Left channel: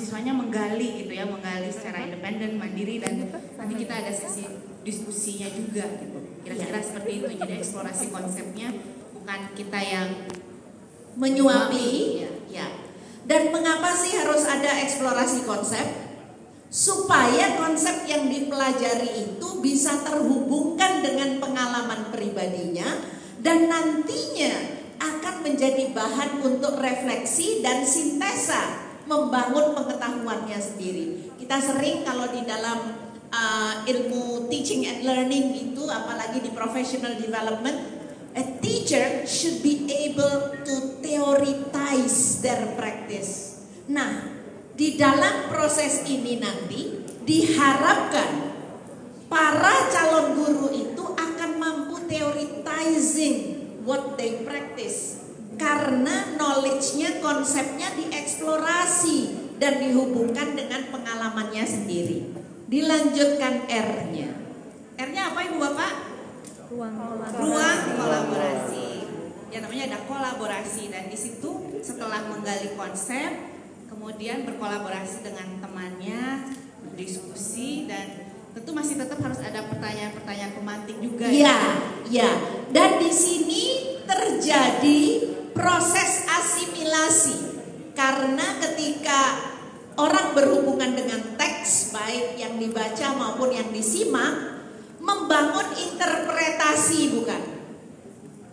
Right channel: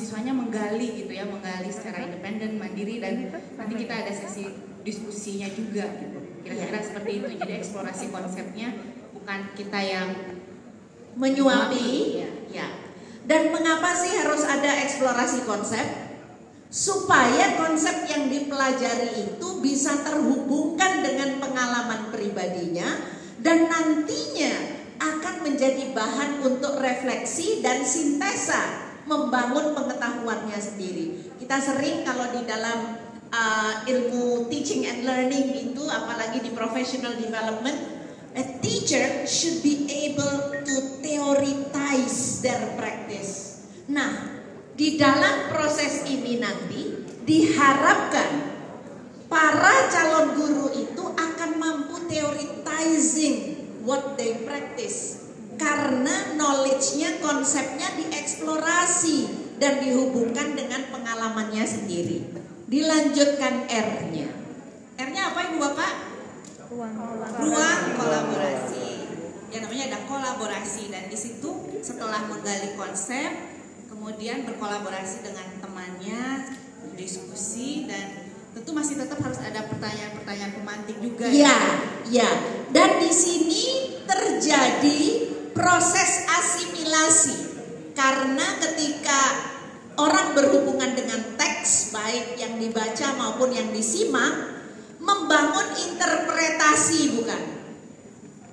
mahasiswanya menggali gitu ya, menggali secara independen, mandiri, dan nanti kita ada sesi diskusinya juga gitu. Kira-kira seperti itu. Jadi eksplorasi konsepnya bukan kita yang menyuapi, ya. Dan mengapa sih harus ada eksplorasi konsep? Supaya konsep yang dipelajari itu bisa terhubungkan dengan pengalaman pribadinya dan nantinya akan menjadi bahan untuk refleksi dan sintesa membangun pengetahuannya sendiri. Kita sering kalau di dalam ilmu teaching and learning itu, apalagi di professional development, a teacher should be able to theorize their practice. Nah, di dalam proses ini nanti diharapkan para calon guru itu akan mampu theorizing what they practice, karena knowledge-nya, konsepnya dieksplorasi dan dihubungkan dengan pengalamannya sendiri. Dilanjutkan R-nya. R-nya apa Ibu Bapak? Ruang kolaborasi. Ya, namanya ada kolaborasi, dan di situ setelah menggali konsep, kemudian berkolaborasi dengan temannya, berdiskusi, dan tentu masih tetap harus ada pertanyaan-pertanyaan pemantik juga. Ya, ya. Dan di sini terjadi proses asimilasi, karena ketika orang berhubungan dengan teks, baik yang dibaca maupun yang disimak, membangun interpretasi, bukan?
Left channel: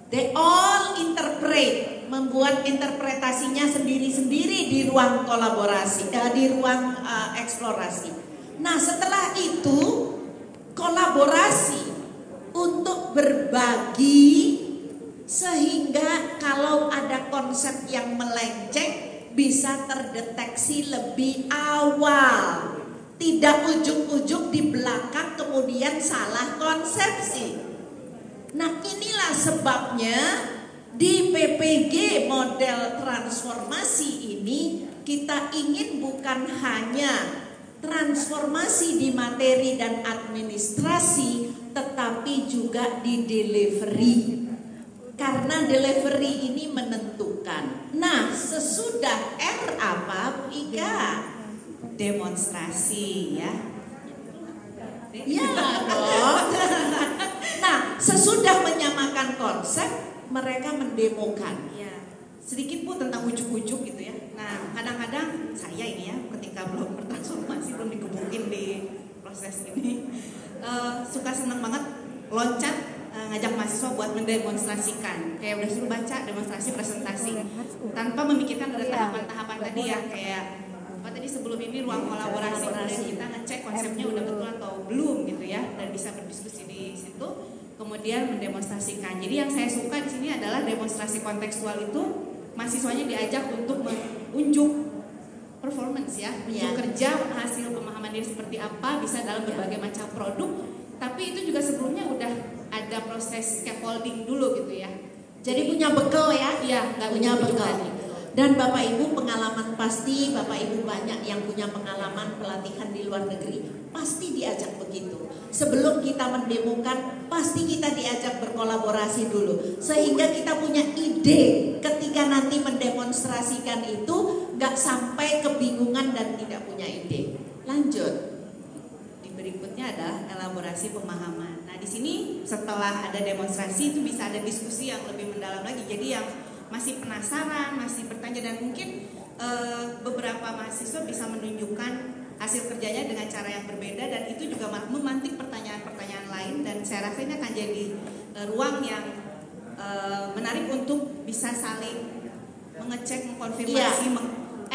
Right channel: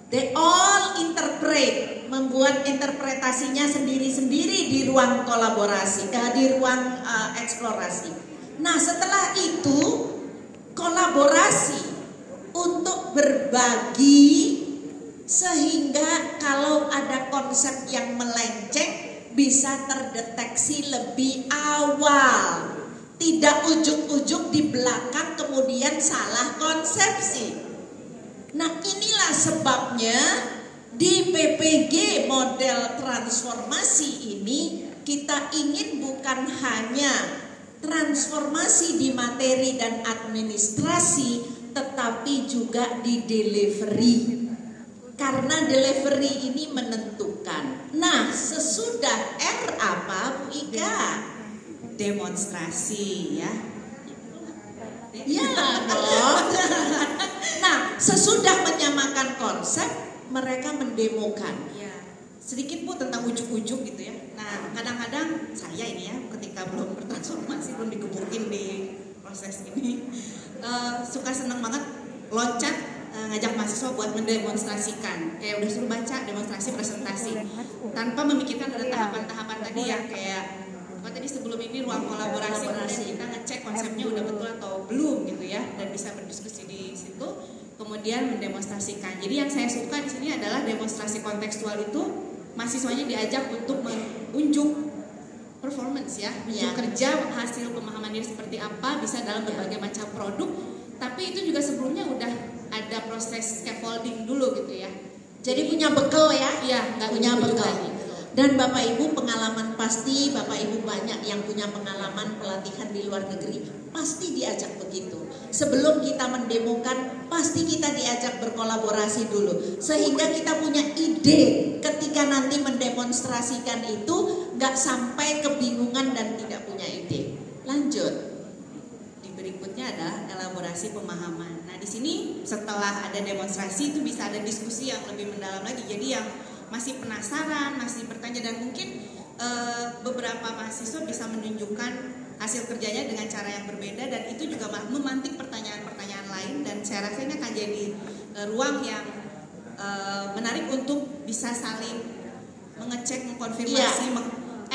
They all interpret, membuat interpretasinya sendiri-sendiri di ruang kolaborasi, di ruang eksplorasi. Nah, setelah itu kolaborasi untuk berbagi, sehingga kalau ada konsep yang melenceng bisa terdeteksi lebih awal, tidak ujung-ujung di belakang kemudian salah konsepsi. Nah, inilah sebabnya di PPG model transformasi ini kita ingin bukan hanya transformasi di materi dan administrasi, tetapi juga di delivery, karena delivery ini menentukan. Nah, sesudah R apa Bu Ika? Demonstrasi, ya. Ya dong. Nah, sesudah menyamakan konsep, mereka mendemokan. Ya, sedikit Bu tentang ujuk-ujuk gitu ya. Nah, kadang-kadang saya ini ya, ketika belum bertransformasi, belum dikebukin di proses ini, suka senang banget loncat ngajak mahasiswa buat mendemonstrasikan. Kayak udah suruh baca demonstrasi presentasi, tanpa memikirkan ada tahapan-tahapan tadi ya, kayak apa tadi sebelum ini ruang kolaborasi, kemudian kita ngecek konsepnya udah betul atau belum gitu ya, dan bisa berdiskusi di situ, kemudian mendemonstrasikan. Jadi yang saya suka di sini adalah demonstrasi kontekstual itu mahasiswanya diajak untuk menunjuk performance ya, unjuk kerja, hasil pemahaman diri seperti apa, bisa dalam berbagai macam produk. Tapi itu juga sebelumnya udah ada proses scaffolding dulu gitu ya. Jadi punya bekal ya? Iya, nggak punya bekal. Dan Bapak Ibu pengalaman pasti, Bapak Ibu banyak yang punya pengalaman pelatihan di luar negeri, pasti diajak begitu. Sebelum kita mendemokan, pasti kita diajak berkolaborasi dulu, sehingga kita punya ide ketika nanti mendemonstrasikan itu, nggak sampai kebingungan dan tidak punya ide. Lanjut. Di berikutnya adalah elaborasi pemahaman. Nah, di sini setelah ada demonstrasi itu bisa ada diskusi yang lebih mendalam lagi. Jadi yang masih penasaran, masih bertanya, dan mungkin beberapa mahasiswa bisa menunjukkan hasil kerjanya dengan cara yang berbeda, dan itu juga memantik pertanyaan-pertanyaan lain, dan saya rasa ini akan jadi ruang yang menarik untuk bisa saling mengecek, mengkonfirmasi,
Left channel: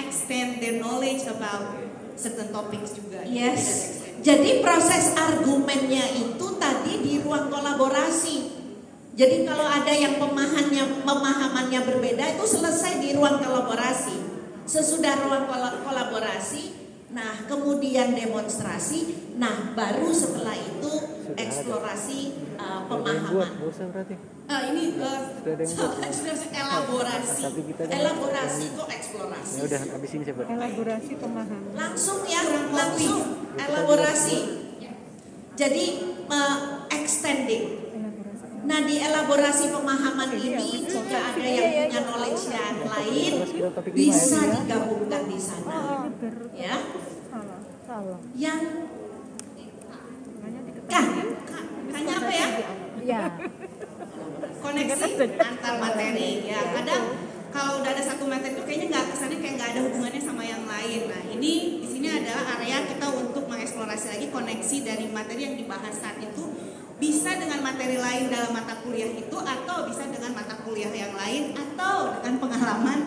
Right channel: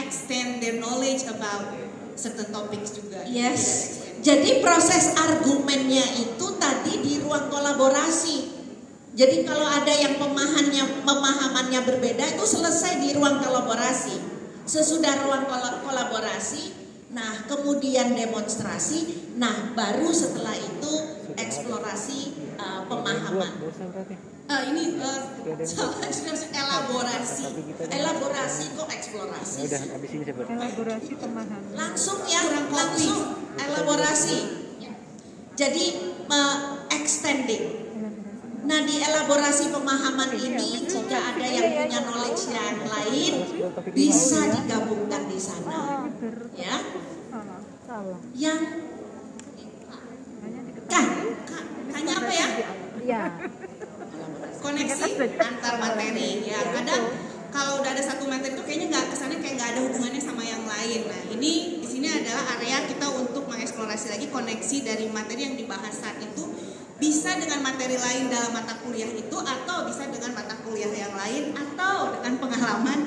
extend their knowledge about certain topics juga. Yes. Jadi proses argumennya itu tadi di ruang kolaborasi. Jadi kalau ada yang pemahamannya berbeda, itu selesai di ruang kolaborasi. Sesudah ruang kolaborasi, nah kemudian demonstrasi, nah baru setelah itu eksplorasi pemahaman. Ini elaborasi kok eksplorasi. Ya udah habis ini saya buat. Elaborasi pemahaman. Langsung elaborasi. Jadi extending. Nah, di elaborasi pemahaman ini jika ada yang punya knowledge yang lain bisa digabungkan di sana. Ya. Yang Kanya apa ya? Iya. Koneksi antar materi. Ya, kadang kalau udah ada satu materi itu kayaknya kesannya kayak nggak ada hubungannya sama yang lain. Nah, ini di sini adalah area kita untuk mengeksplorasi lagi koneksi dari materi yang dibahas saat itu bisa dengan materi lain dalam mata kuliah itu, atau bisa dengan mata kuliah yang lain, atau dengan pengalaman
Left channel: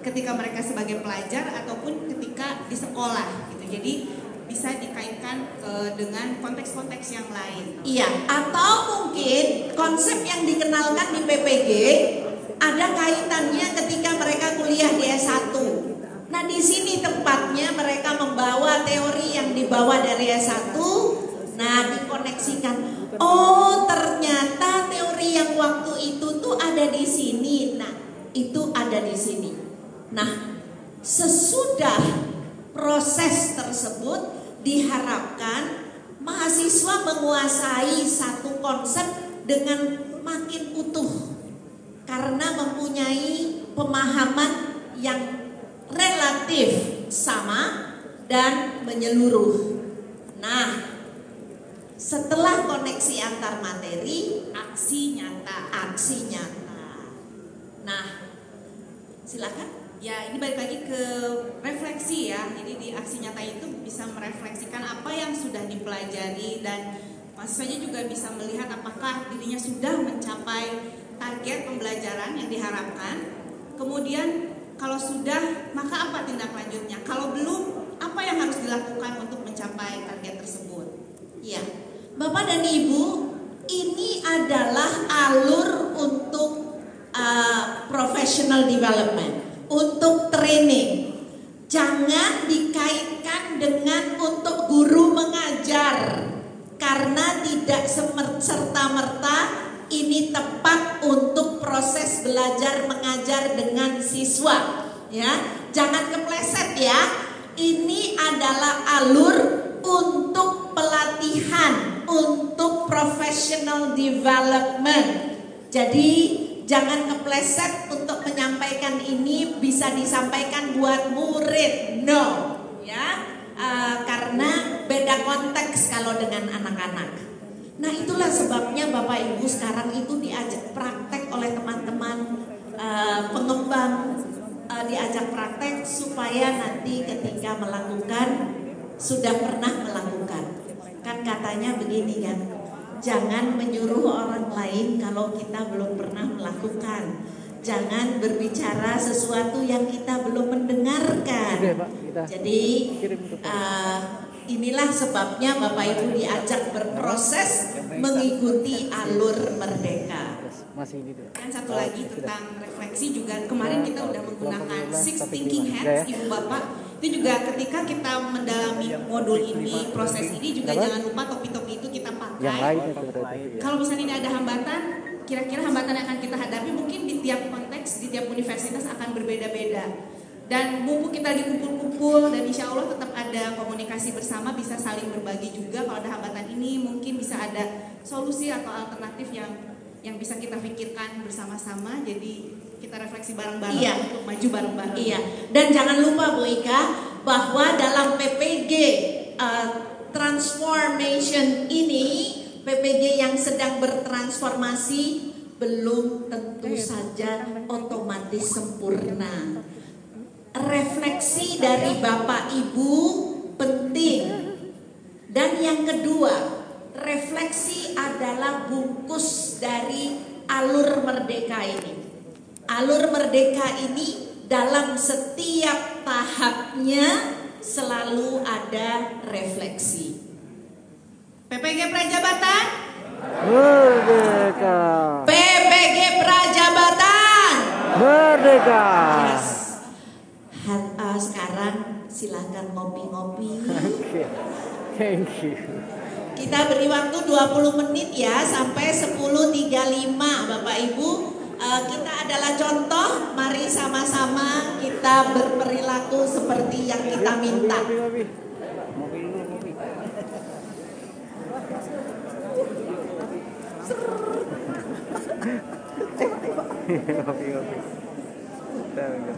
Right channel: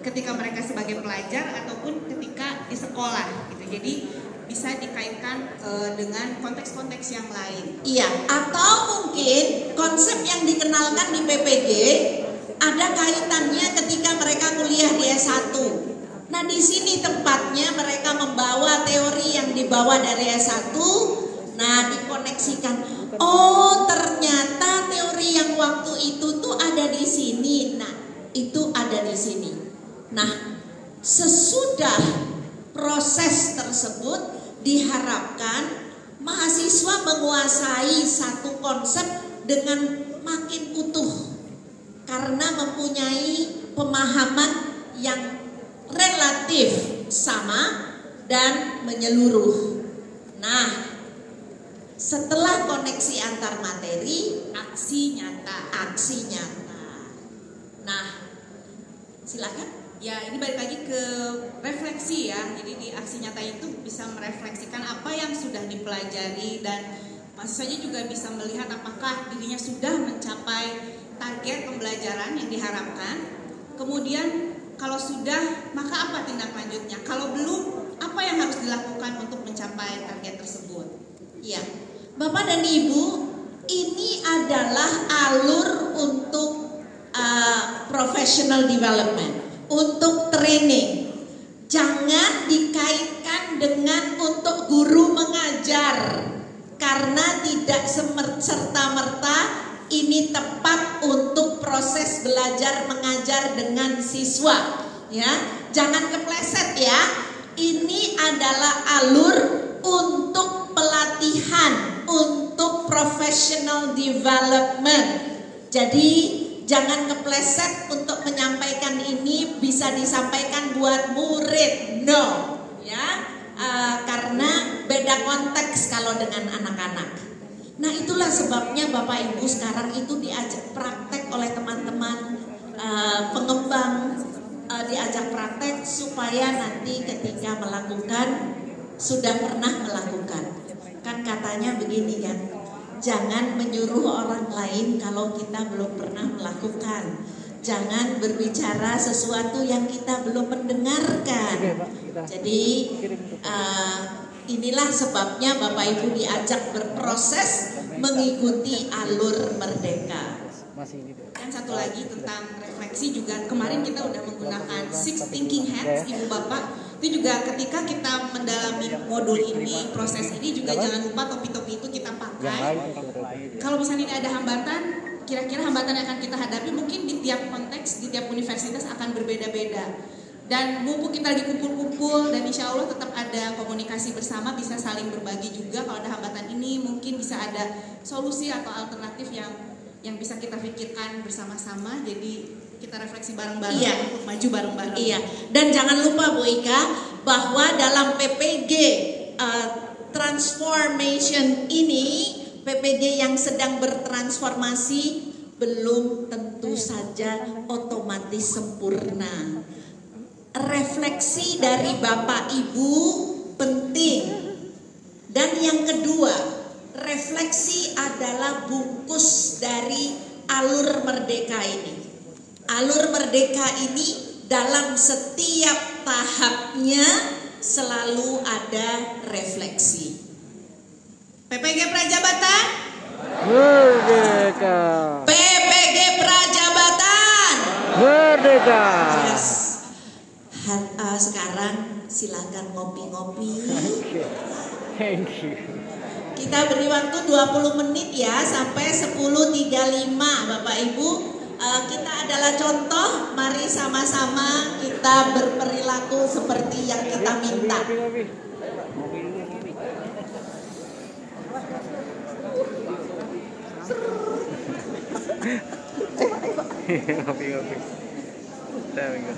ketika mereka sebagai pelajar ataupun ketika di sekolah gitu. Jadi bisa dikaitkan dengan konteks-konteks yang lain. Iya, atau mungkin konsep yang dikenalkan di PPG ada kaitannya ketika mereka kuliah di S1. Nah, di sini tempatnya mereka membawa teori yang dibawa dari S1. Nah, dikoneksikan. Oh, ternyata teori yang waktu itu tuh ada di sini. Nah, itu ada di sini. Nah, sesudah proses tersebut diharapkan mahasiswa menguasai satu konsep dengan makin utuh karena mempunyai pemahaman yang relatif sama dan menyeluruh. Nah, setelah koneksi antar materi, Aksi nyata. aksi nyata. Nah, silakan. Ya, ini balik lagi ke refleksi ya. Jadi di aksi nyata itu bisa merefleksikan apa yang sudah dipelajari, dan mahasiswanya juga bisa melihat apakah dirinya sudah mencapai target pembelajaran yang diharapkan. Kemudian kalau sudah, maka apa tindak lanjutnya? Kalau belum, apa yang harus dilakukan untuk mencapai target tersebut? Ya, Bapak dan Ibu, ini adalah alur untuk professional development, untuk training. Jangan dikaitkan dengan untuk guru mengajar, karena tidak serta-merta ini tepat untuk proses belajar mengajar dengan siswa. Ya, jangan kepleset ya. Ini adalah alur untuk pelatihan, untuk professional development. Jadi jangan kepleset untuk menyampaikan ini bisa disampaikan buat murid, no, ya, karena beda konteks kalau dengan anak-anak. Nah, itulah sebabnya Bapak Ibu sekarang itu diajak praktek oleh teman-teman pengembang, diajak praktek supaya nanti ketika melakukan sudah pernah melakukan. Kan katanya begini kan, jangan menyuruh orang lain kalau kita belum pernah melakukan. Jangan berbicara sesuatu yang kita belum mendengarkan. Jadi inilah sebabnya Bapak Ibu diajak berproses mengikuti alur Merdeka. Dan satu lagi tentang refleksi juga, kemarin kita udah menggunakan 6 thinking hats Ibu Bapak. Itu juga ketika kita mendalami modul ini, proses ini juga jangan lupa topi-topi itu kita pakai. Kalau misalnya ini ada hambatan, kira-kira hambatan yang akan kita hadapi mungkin di tiap konteks, di tiap universitas akan berbeda-beda. Dan mumpung kita lagi kumpul-kumpul, dan insya Allah tetap ada komunikasi bersama, bisa saling berbagi juga. Kalau ada hambatan ini mungkin bisa ada solusi atau alternatif yang bisa kita pikirkan bersama-sama. Jadi kita refleksi bareng-bareng, iya, maju bareng-bareng. Iya. Dan jangan lupa Bu Ika, bahwa dalam PPG transformation ini, PPG yang sedang bertransformasi belum tentu saja otomatis sempurna. Refleksi dari Bapak Ibu penting. Dan yang kedua, refleksi adalah bungkus dari alur Merdeka ini. Alur Merdeka ini dalam setiap tahapnya selalu ada refleksi. PPG Prajabatan Merdeka. PPG Prajabatan Merdeka. Yes. Sekarang silakan ngopi-ngopi. Thank you. Kita beri waktu 20 menit ya, sampai 10.35 Bapak Ibu. Kita adalah contoh, mari sama-sama kita berperilaku seperti yang kita minta. Ngopi-ngopi. There we go.